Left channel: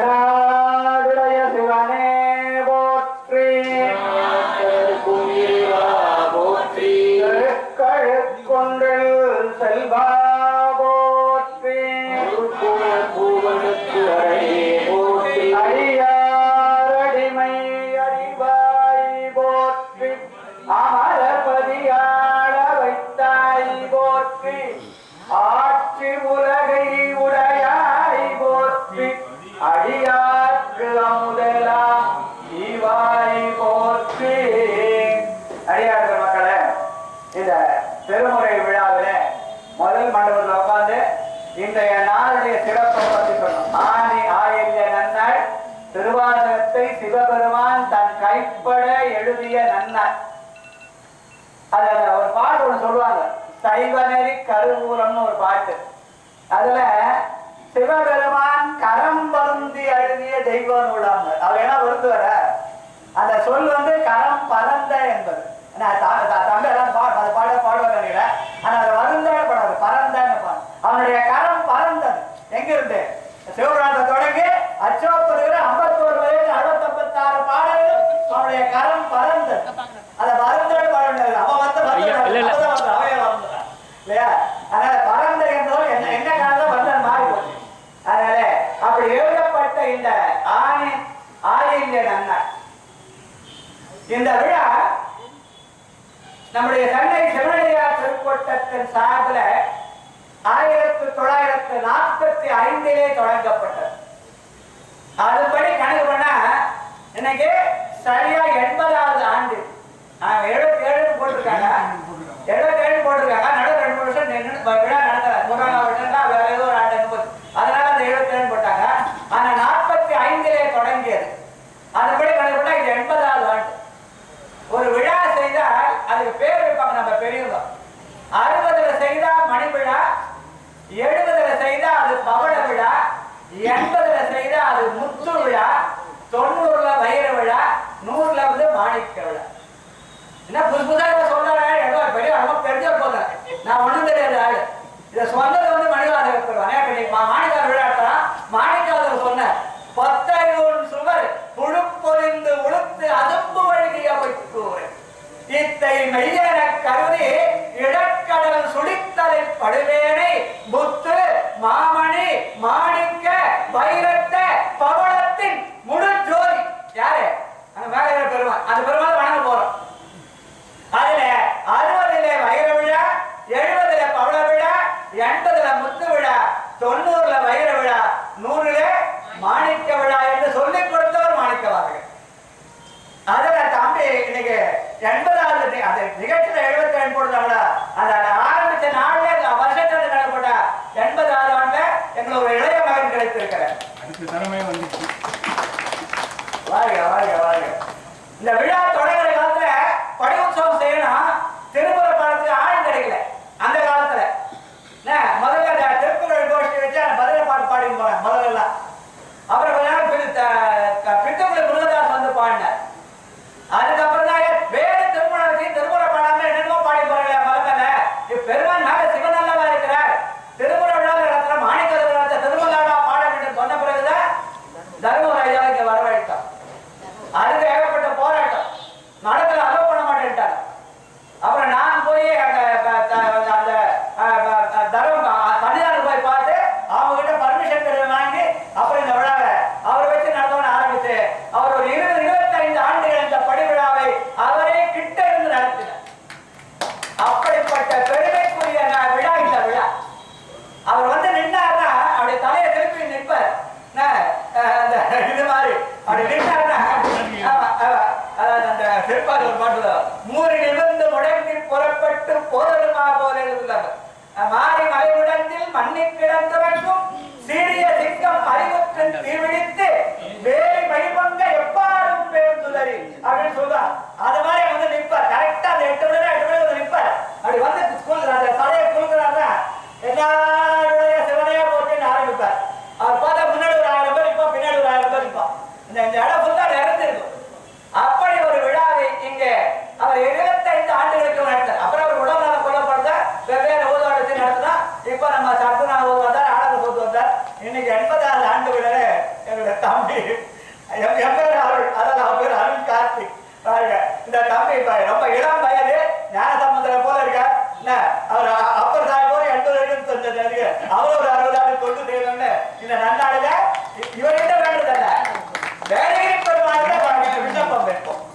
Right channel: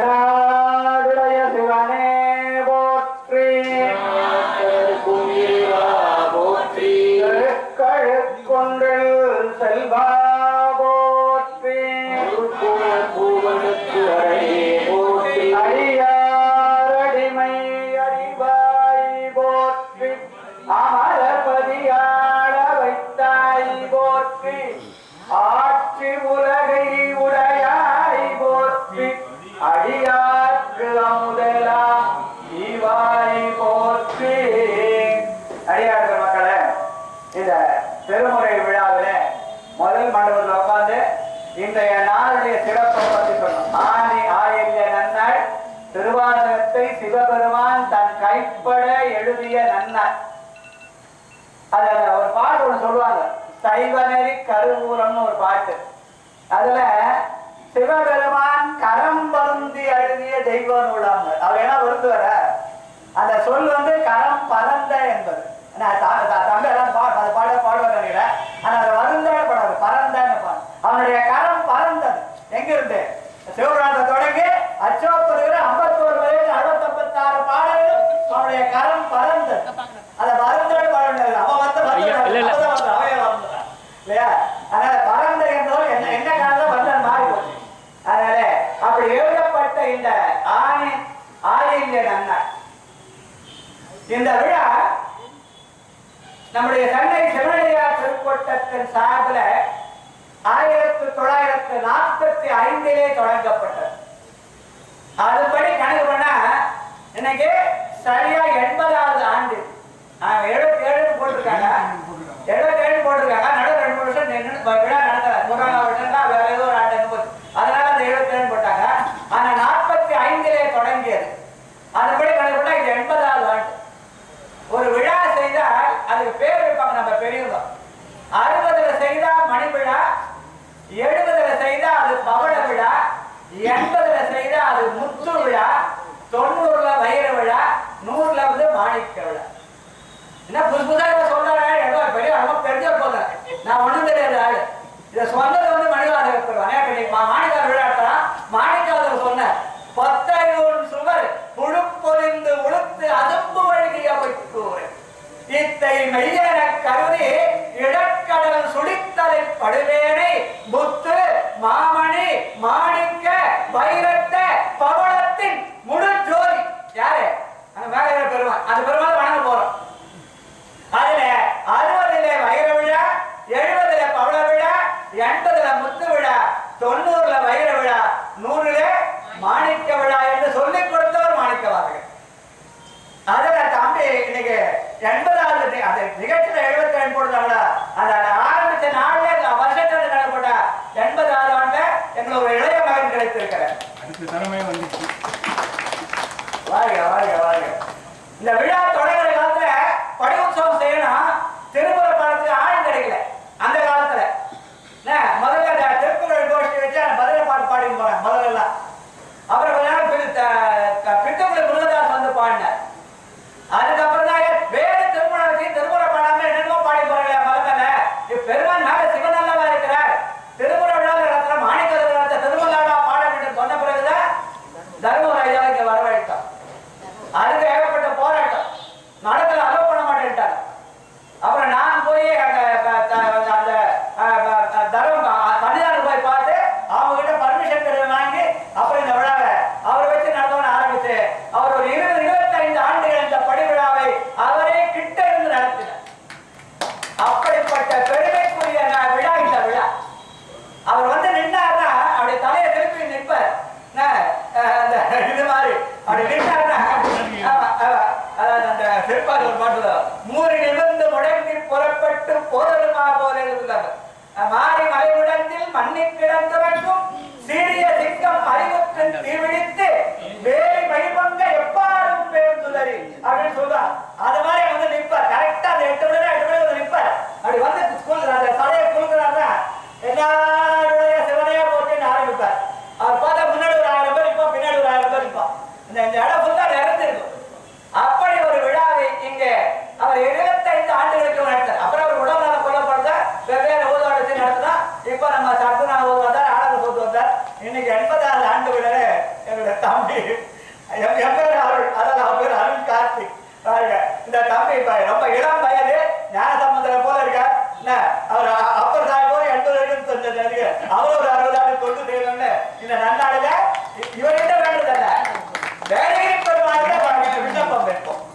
かな திருவாசகத்தை சிவபெருமான் தன் கைப்பட எழுதிய நன்ன அதுல ஒரு பாட்டு ஒண்ணு சொல்லுவாங்க. சைவநெறி கருவூரம்னு ஒரு பாட்டு. அதுல சிவபெருமான் கரம் பருந்தி எழுதிய தெய்வ நூலாங்க அவர் என்ன வருத்துவர அந்த சொல் வந்து கரம் பரந்த என்பது. நான் தம்பி எல்லாம் பா அது பாட பாடுவார் நினைக்கிறேன் ஆனா அது வருந்த படாது பரந்தன்னு பாடு. அவனுடைய கரம் பரந்தது. எங்க இருந்து சிவபுராணத்தை தொடங்கி அச்சோப்படுகிற ஐம்பத்தோரு வயது அறுபத்தொம்பத்தாறு பாடல்கள் அவனுடைய கரம் பரந்தது அதை வருந்தல் பாடல் அவன் வந்து. அவையே வந்தான். இல்லையா? அதனால பரந்த என்றால் என்ன என்ன காரணம் வந்தன் மாறி போச்சு அதனால அப்படி எழுதப்பட்ட இந்த ஆணி ஆயில்ய நன்னாள். இந்த விழா நம்முடைய சென்னை சிவனடியார் திருக்கோட்டத்தின் சார்பில் ஆயிரத்தி தொள்ளாயிரத்தி நாற்பத்தி ஐந்திலே தொடங்கப்பட்டது. அதுபடி கணக்கு பண்ணா இன்னைக்கு சரியா எண்பதாவது ஆண்டு. எழுபத்தி ஏழு போட்டிருக்காங்க. எழுபத்தி மெய்யன கருதி இடக்கடல் சுடித்தலை படுவேனை முத்து மாமணி மாணிக்க வைர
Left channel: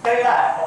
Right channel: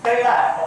可以了。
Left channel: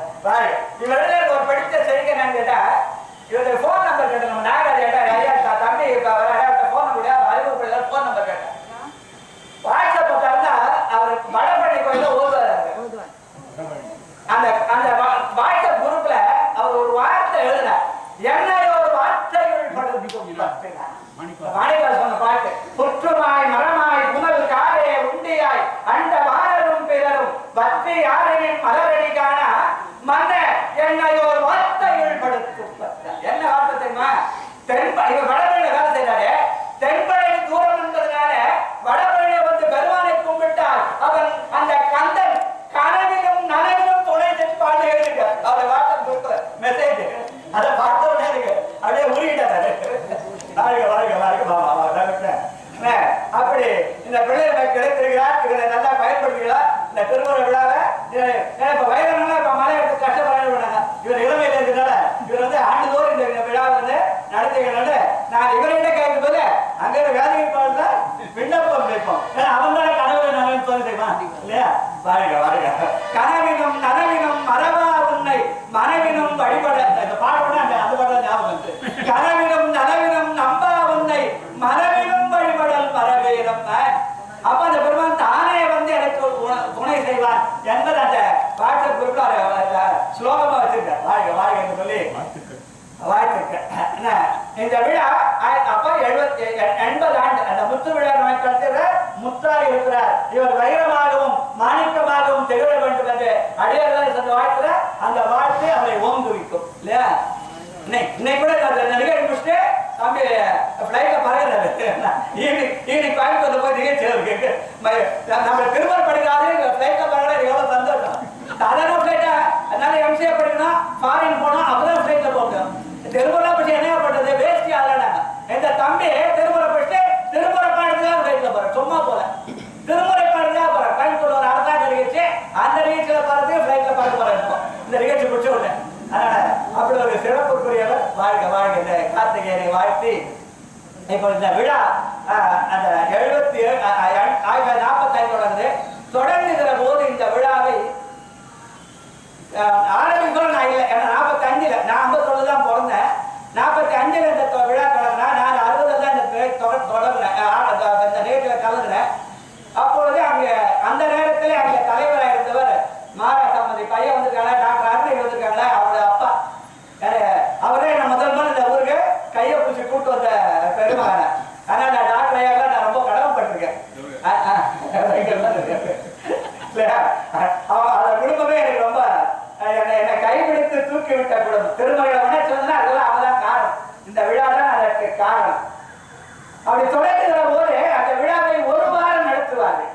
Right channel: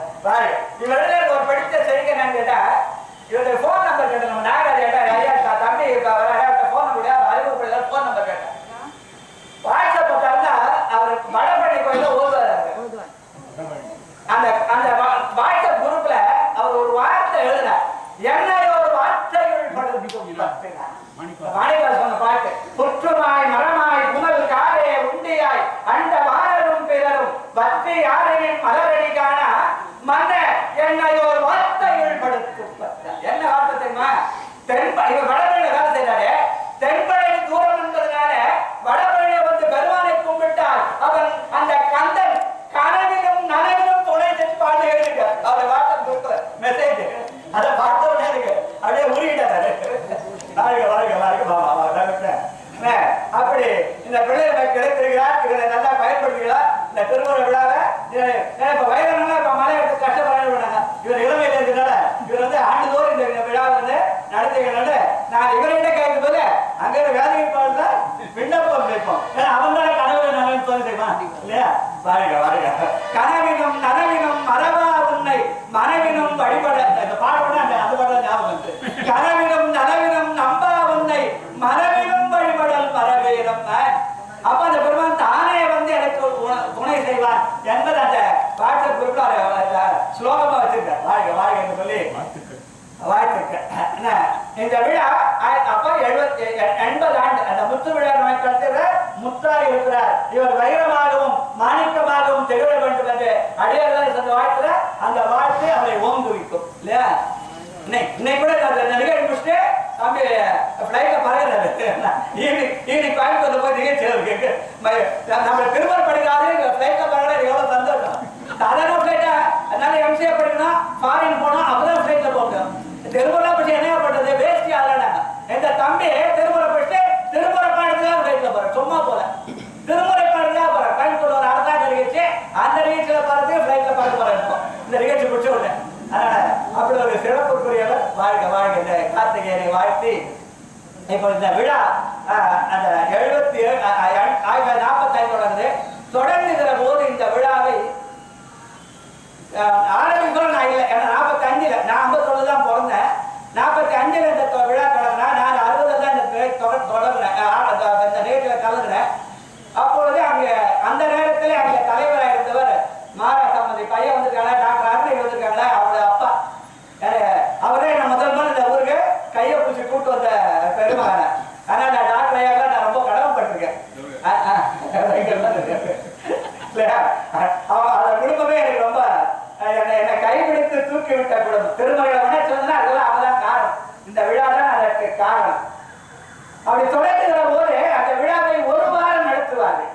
பாட்டில் குறிப்பிட்ட ஸ்லோகமா வச்சிருக்க வாழ்க வாழ்க சொல்லி வாழ்த்துக்க இந்த விழா அப்போ எழுபத்தி எண்பது ஆண்டு. அந்த முத்து விழா நோய்க்காலத்தில் முத்தார் இருக்கிறார். இவர் வைரமாகவும் மாணிக்கமாகவும் திகழ வேண்டும் என்று அடியார்கள் சொன்ன வாழ்த்துல அந்த வாழ்த்து அவரை ஓங்குவிக்கும். இல்லையா? இன்னைக்கு கூட அந்த நிகழ்ச்சி முடிச்சுட்டு தம்பி ஃப்ளைட்ல பறகுறாரு ஈவினிங் கோயம்புத்தூர் போய் நிகழ்ச்சி நம்ம திருமணம் படிக்காதே ஃப்ளைட்ல பறகுறது எவ்வளவு சந்தோஷம். சாதாரண ஃப்ளைட்டை அதனால எம்சிஏ படிக்கணும் ஃபாரின் போனால் அப்பதான் ஃப்ளைட்டில் போகும் தெருவில் போய் என்ன பண்ணுறது வேஸ்ட் ஆளாடா எங்கள் தம்பி தெருவில் போயிட்டு திருமுறை பாடுறதுக்காக ஃப்ளைட்டில் போகிறேன் சும்மா போல. திருமுறை பாடுறதுக்காக போகிறேன் கோயம்புத்தூர் ஒரு அரசாங்க நிகழ்ச்சி அந்த நிகழ்ச்சியில் பார்த்து ஃப்ளைட்டில் பார்க்க போகிறேன் இப்போ. இந்த நிகழ்ச்சி முடிச்ச உடனே. அப்படி ஒரு சிறப்புக்குரியவர் வாழ்க வாழ்க. இந்த கார்த்திகேயனை வாழ்த்தி இப்போ இந்த விழா அந்த எழுபத்தி ஏழு ஆயிரத்தி நாற்பத்தி ஐந்து தொடங்குகிற போது இந்த விழாவை ஆரம்பி கூட நான் இல்லை. ஏன்னா நாற்பத்தஞ்சில் நான் ஐம்பத்தொன்று தான் பிறந்தேன். நாற்பத்தி அஞ்சில் இந்த விழா தொடங்கினா நான் அறுபதில் தான் இந்த தொடர் தொடங்கினேன். இந்த நேற்றில் கலந்துனேன். அப்பொழுது அங்கே அந்த நேரத்தில் அங்கே தலைவராக இருந்தவர் மாரா சம்பந்தி பையன் முடித்து தூக்கி விட்ட குடும்பம் திருமகளை உணர்ச்சி வந்தா அதெல்லாம் அவதான் காரணம். இந்த விழா தான் அதற்கு காரணம். அப்படி தொடங்குகிற போது அந்த விழாவை ஒரு வாரம் நடத்துவார்கள்.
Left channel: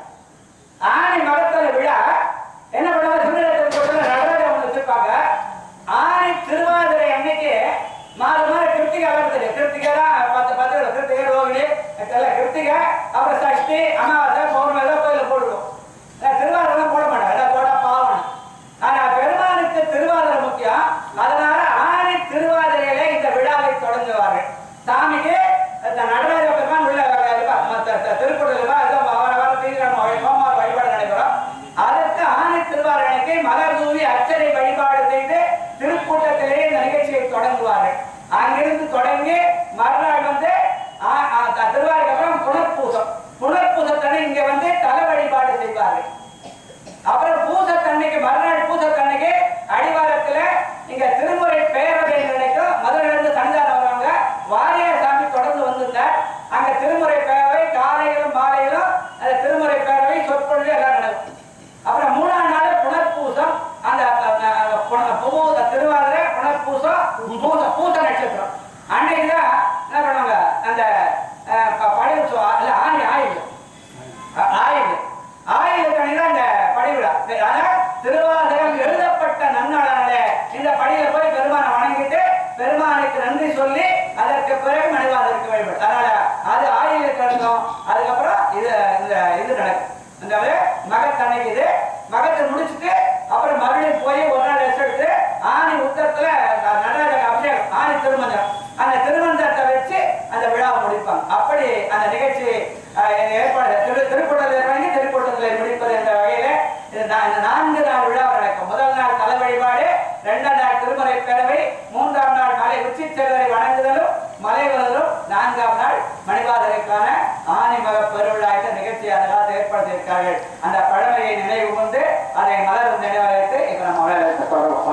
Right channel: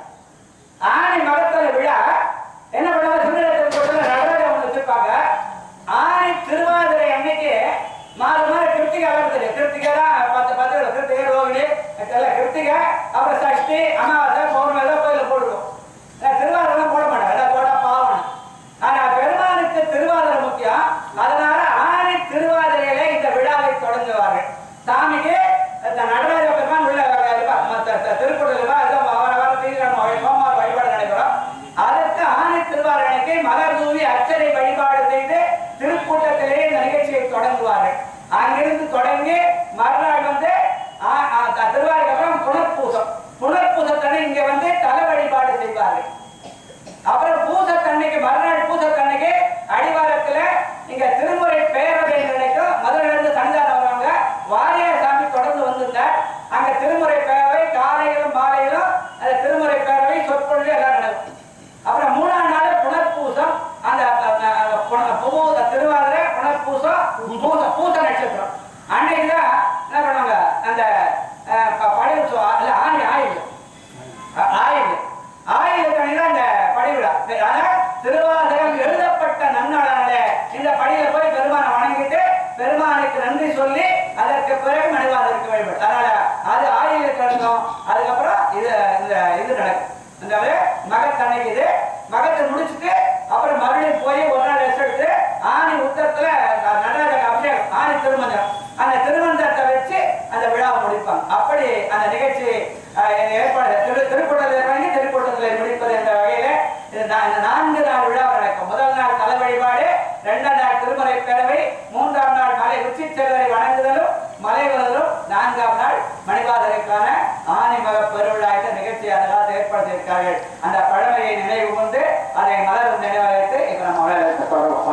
ஆணி மகத்தல விழா என்ன பண்ணுவாங்க? சுந்தரத்தில் போட்டு நடராஜா ஒன்று வச்சிருப்பாங்க. ஆணி திருவாதிரை அன்னைக்கு மாறு மாறு கிருத்திகா வருது கிருத்திகா தான் பத்து பத்து கிருத்திகை ரோகிணி எல்லாம் கிருத்திகை அப்புறம் சஷ்டி அமாவாசை பௌர்ணமி எல்லாம் கோயிலில் போடுவோம் திருவாதிரை போட மாட்டாங்க எல்லாம் போட பாவம் ஆனா பெருமானுக்கு திருவாதிரை முக்கியம் அதனால ஆணி திருவாதிரையில இந்த விழாவை தொடங்குவார்கள் சாமிக்கு இந்த நடராஜ பெருமான் உள்ள இருப்பார். மத்த த- திருக்குறள் இருப்பா, ஏதோ வார வாரம் தீவிரம் சோமவார வழிபாடு நடைபெறும் அதற்கு ஆணி திருவாரணைக்கு மலர் தூவி வழிபாடு செய்து திருக்கூட்டத்திலே இந்த நிகழ்ச்சியை தொடங்குவார்கள் அங்கிருந்து தொடங்கி மறுநாள் வந்து ஆ- ஆ, த- திருவாரூருக்கு அப்புறம் புனர்பூசம் புனர்பூசத்தனை இங்க வந்து தல வழிபாடு செய்வார்கள் அப்புறம் பூசத்தன்னைக்கு மறுநாள் பூசத்தன்னைக்கு அடிவாரத்துல இங்க திருமுறை பேரவை நடக்கும் மதுரையில இருந்து சன்னிதானம் வருவாங்க வாரியார் சாமி தொடர்ந்து வந்திருந்தார் அங்க திருமுறை பேரவை காலையிலும் மாலையிலும் அந்த திருமுறை பேரவை சொற்பொழிவு எல்லாம் நடக்கும் அப்புறம் மூணாம் நாள் புனர்பூசம் அந்த அந்த- அந்த புன- பூ- திருவாதிரை புனர்பூசம் பூச பூச நட்சத்திரம் அன்னைக்கு தான் என்ன பண்ணுவாங்க அந்த அஹ், ப- பழைய உற்சவம், இல்ல ஆணி ஆயுள் அ- ஆயுள் ஆயுள் கணிதான் இந்த படிவிழா ஆனா திருவாசகம் எழுதப்பட்ட நன்னாளாலே இந்த படியில போய் பெருமானை வணங்கிட்டு பெருமானுக்கு நன்றி சொல்லி அதற்கு பிறகு இருக்க வேண்டி அதனால அது ஆயுள் தொடங்கும் அதுக்கப்புறம் இது இந்த இது நடக்கும். இந்த மகத்தன்னைக்கு இது மகத்தை முடிச்சுட்டு அப்புறம் மறுபடியும் போய் ஒரு நாள் ரெஸ்ட் எடுத்து ஆணி உத்தரத்துல நடராஜ அபிஷேகம் ஆணி திருமஞ்சம் அந்த திருமஞ்சத்தை வச்சு அந்த விழாவை முடிப்பாங்க. அப்படி அந்த நிகழ்ச்சி ஏற்பாடு திரு திருக்கூட்டத்தில் தொடங்கி திருக்கூட்டத்தில் முடிப்பது என்ற இந்த நான்கு நாள் விழா நடக்கும் முதல் நாள் தலை வழிபாடு இரண்டாம் நாள் திருமலை பேரவை மூன்றாம் நாள் மலை உச்சி செல்வரை வணங்குதலும் மலை வருதலும் நான்காம் நாள் மணிவாதரைக்கான ஆணிமக மக என்ற நிகழ்ச்சி அதனால் ஏற்படுத்தியிருக்கார்கள் அந்த பழமையை நினைவு கொண்டு அதை மலரும் நினைவகத்தை இப்ப நம்ம விளையாட்டு தொடர்பு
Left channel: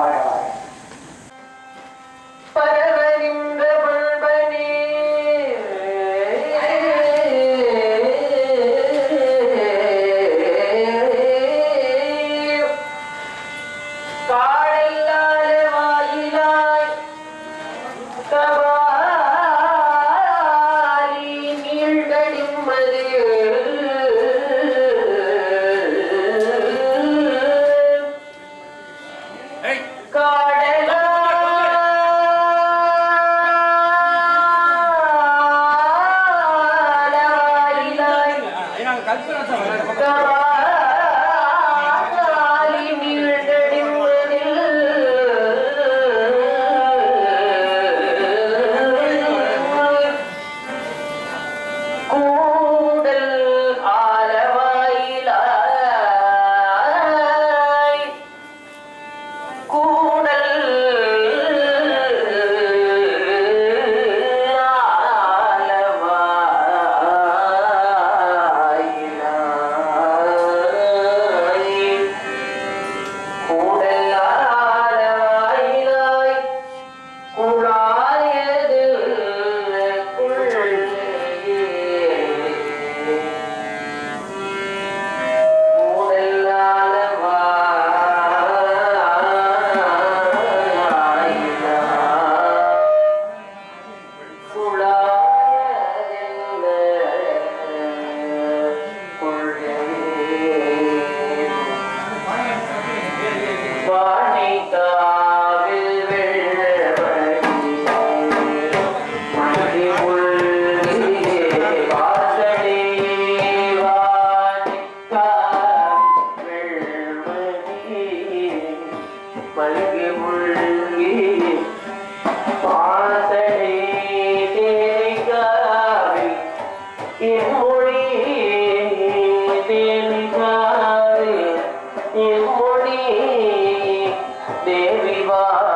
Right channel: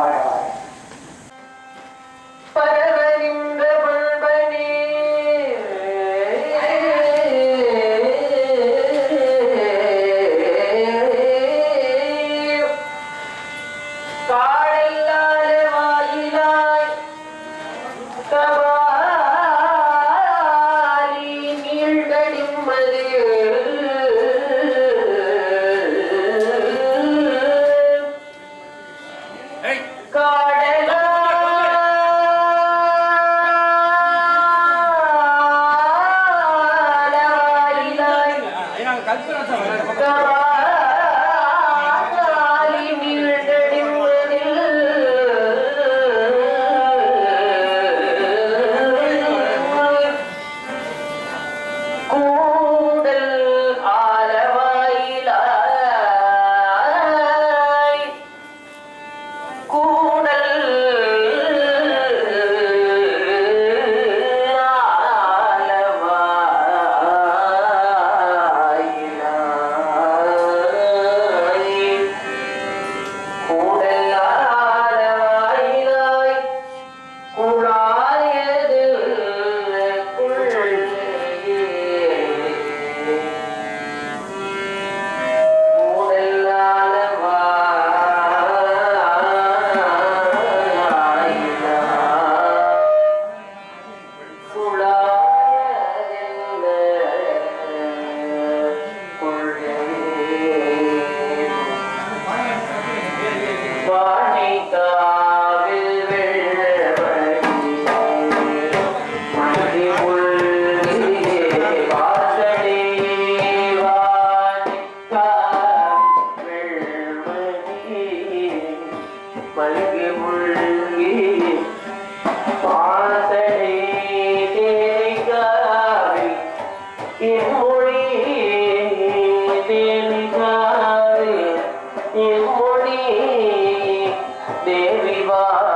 Allah.